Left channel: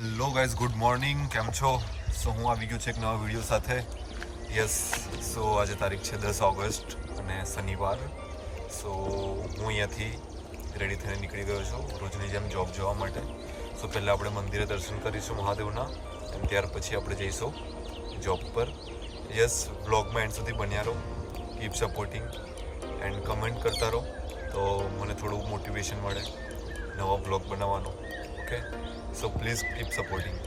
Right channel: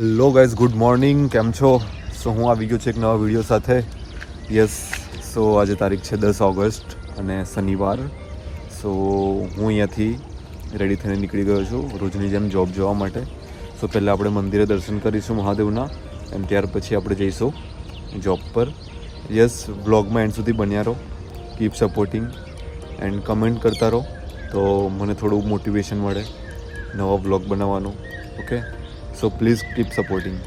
Hello guys, good morning. કેમ છો? સો હું આવી ગયો છું એક નવા વિડીયો સાથે. યસ, સો આજે તારીખ છે 10 ઓગસ્ટ અને શનિવાર. સો હું અહીંયાથી રેડી થઈને નીકળી ગયો છું રોજની જેમ જોબ જવા માટે. સો પહેલાં આપણે મંદિરે દર્શન કરીશું મહાદેવના અને ત્યાર પછી આપણે જઈશું જોબ પર. યસ, વ્લોગમાં એન્ડ સુધી બન્યા રહો. કીપ સપોર્ટિંગ એન્ડ કમેન્ટ કરતા રહો તો મને થોડું મોટિવેશન મળે નવા વ્લોગ બનાવવાનું. Okay, so please keep supporting.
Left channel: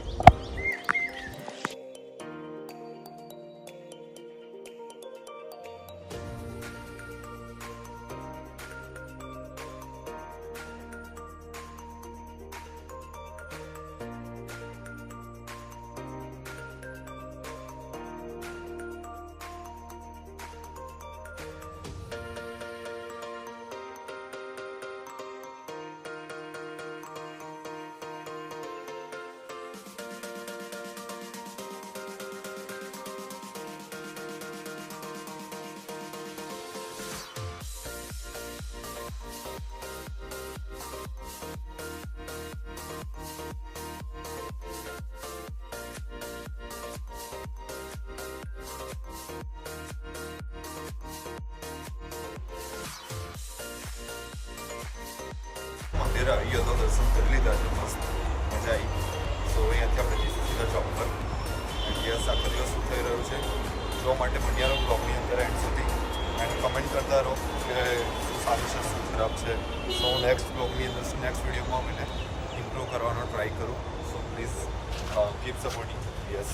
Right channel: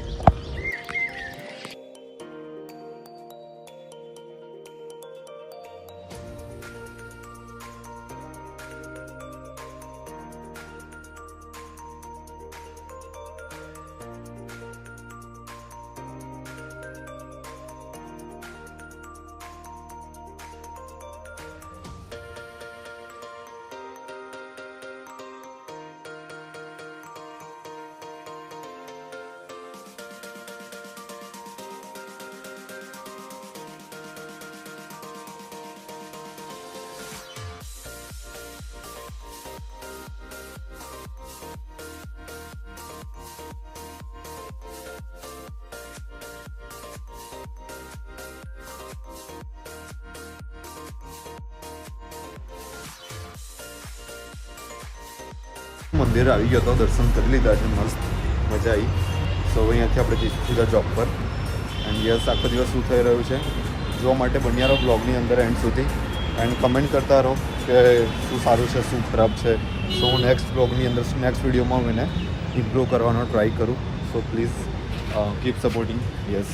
મંદિર આવી ગયો તો દર્શન કરી લીધા છે, મસ્ત મજા આવી. તો હવે અહીંયાથી આપણે જઈશું સીધા જોબ પર. એન્ડ યસ, આખો દિવસ શું થઈ રહ્યું છે જોવા માટે બન્યા રહો બ્લોગની અંદર એન્ડ સુધી એન્ડ કમેન્ટ કરતા રહો કે શું સારું છે શું ખરાબ છે. સો હું નેક્સ્ટ બ્લોગની અંદર નેક્સ્ટ વિડીયોમાં મને ઇમ્પ્રૂવ કરવાનો ટ્રાય કરું. So please keep supporting. Yes,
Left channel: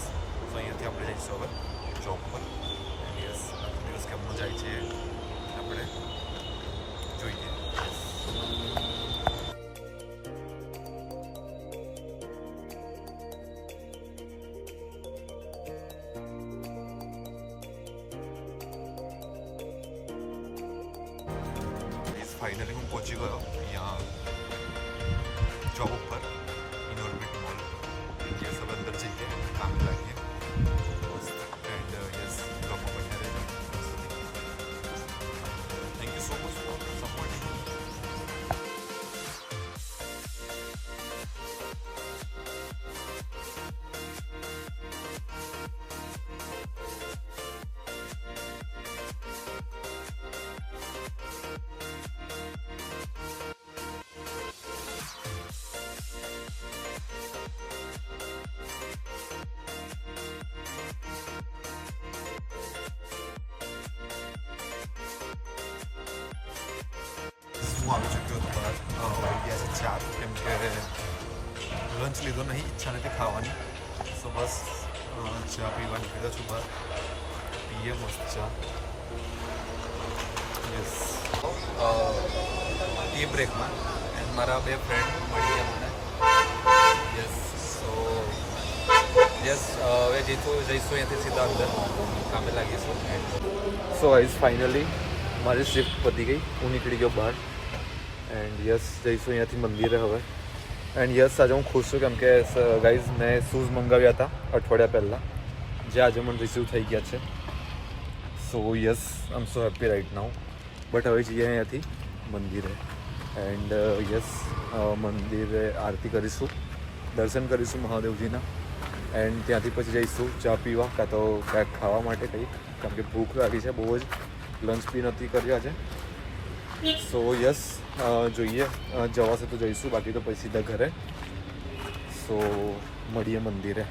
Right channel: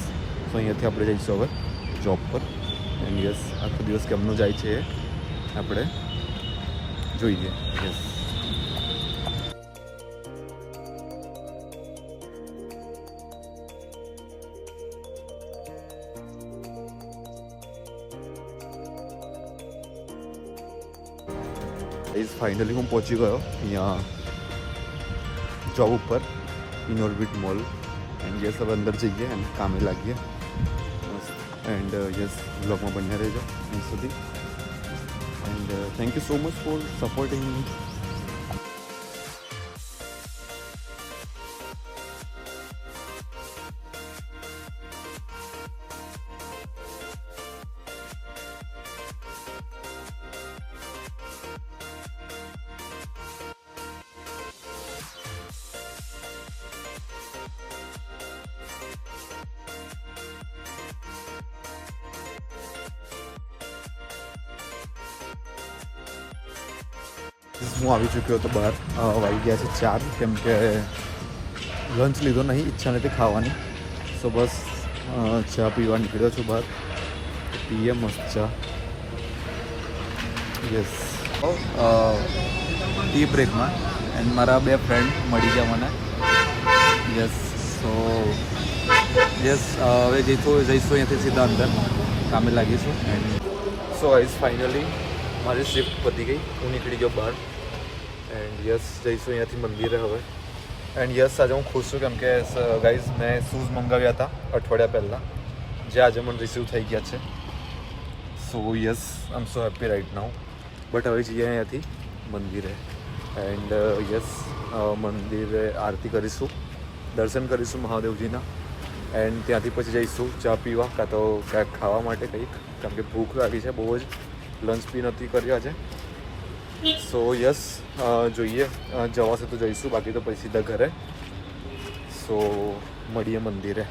so અહીંયાથી આપણે જઈશું હવે જોબ પર. એન્ડ યસ, આખો દિવસ કેમનું જાય છે એ આપણે જોઈએ. યસ, ફાઇનલી હું પહોંચી ગયો અહીંયા જોબ ઉપર, ઇનઓર્બિટ મોલ. એન્ડ યસ, હવે અંદર જઈએ એન્ડ કામે લાગીએ. એન્ડ યસ, બ્લોગમાં બન્યા રહેજો એન્ડ સુધી. And thank you so much for supporting me. હું આવી ચૂક્યો હતો બહાર. વાગી ગયા છે 4, કેમ કે લંચ લીધો નહીં, ઈચ્છા નથી ખાવાની. સો બસ ચા પીવા નીકળ્યો છું બહાર. પીએ મસ્ત ચા. યસ, ટી બ્રેકમાં એન્ડ મારા 2 ફ્રેન્ડ મળી ગયા મને. યસ, સો યસ, હવે જઈશું અહીંયાથી સીધા અંદર કામે લાગીશું. એન્ડ સો આઈઝ ફાઇનલી મારી શિફ્ટ પતી ગઈ, હું નીકળી ગયો બહાર. એન્ડ યસ, જઈશું અહીંયાથી મંદિરે હવે. એન્ડ યસ, આજે હું ખુશ છું કેમ કે ગાઈઝ મેં શૂઝ મંગાવ્યા હતા અઠવાડિયા પહેલાં, જે આજે મને રિસીવ થઈ ગયા છે. So yes, I am so happy right now. But હવે જઈએ અહીંયાથી મંદિરે. એન્ડ યસ, મંદિરે આરતી કરીશું, દર્શન કરીશું મહાદેવજીના. એન્ડ ત્યાંથી પછી જઈશું ચા પીવા કાં તો ક્યાંક ખાવા માટે કંઈક, કેમ કે ભૂખ લાગી છે બહુ જ. લંચ બી નથી કર્યા છે. સો યસ, જોઈએ જવાશે તો જઈશું, બાકી તો પછી સીધા ઘરે. સો મળીએ મંદિરે.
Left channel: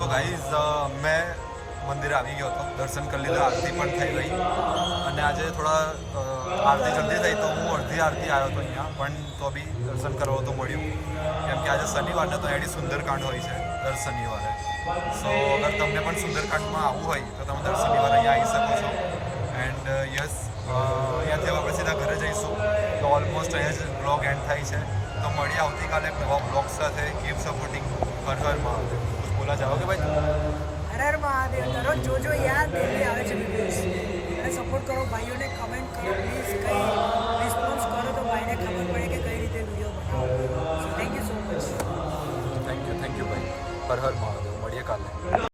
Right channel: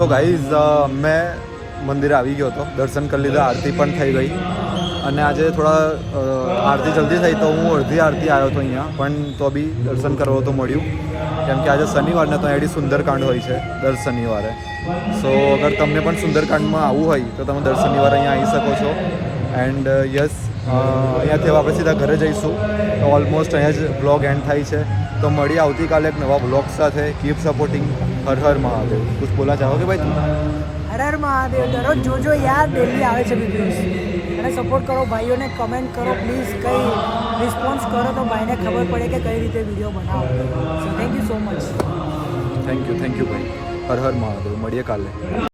તો ગાઈઝ, મેં મંદિરે આવી ગયો હતો, દર્શન કરી લીધા, આરતી પણ થઈ ગઈ. અને આજે થોડા આરતી જલ્દી થઈ તો હું અડધી આરતી આવ્યો હતો અહીંયા, પણ તો બી દર્શન કરવો તો મળ્યું કેમ કે આજે શનિવારને તો એડી સુંદરકાંડ હોય છે દર શનિવારે. સો અગર તમને પણ સુંદરકાંડમાં આવવું હોય તો તમે દર શનિવારે અહીંયા આવી શકો છો. એન્ડ યસ, અહીંયાથી આપણે સીધા ઘરે જઈશું. તો ઓલમોસ્ટ અહીંયા જ બ્લોગ એન્ડ થાય છે. તો મળીએ આવતીકાલે એક નવા બ્લોગ સાથે. Keep supporting. હર હર મહાદેવ. કુછ બોલા ચાહોગે ભાઈ તું? હર હર મહાદેવ. દરરોજ જોજો યાર, ડેલી આવે છે વિડીયોઝ. અને સપોર્ટ કરો ભાઈઓને, કમેન્ટ કરો પ્લીઝ. કંઈ રિસ્પોન્સ કરો તો ભાઈને ખબર પડે કે કઈ રીતે વિડીયો બનાવો. So thank you so much. Thank you ભાઈ. હર હર મહાદેવ. મળીએ કાલે.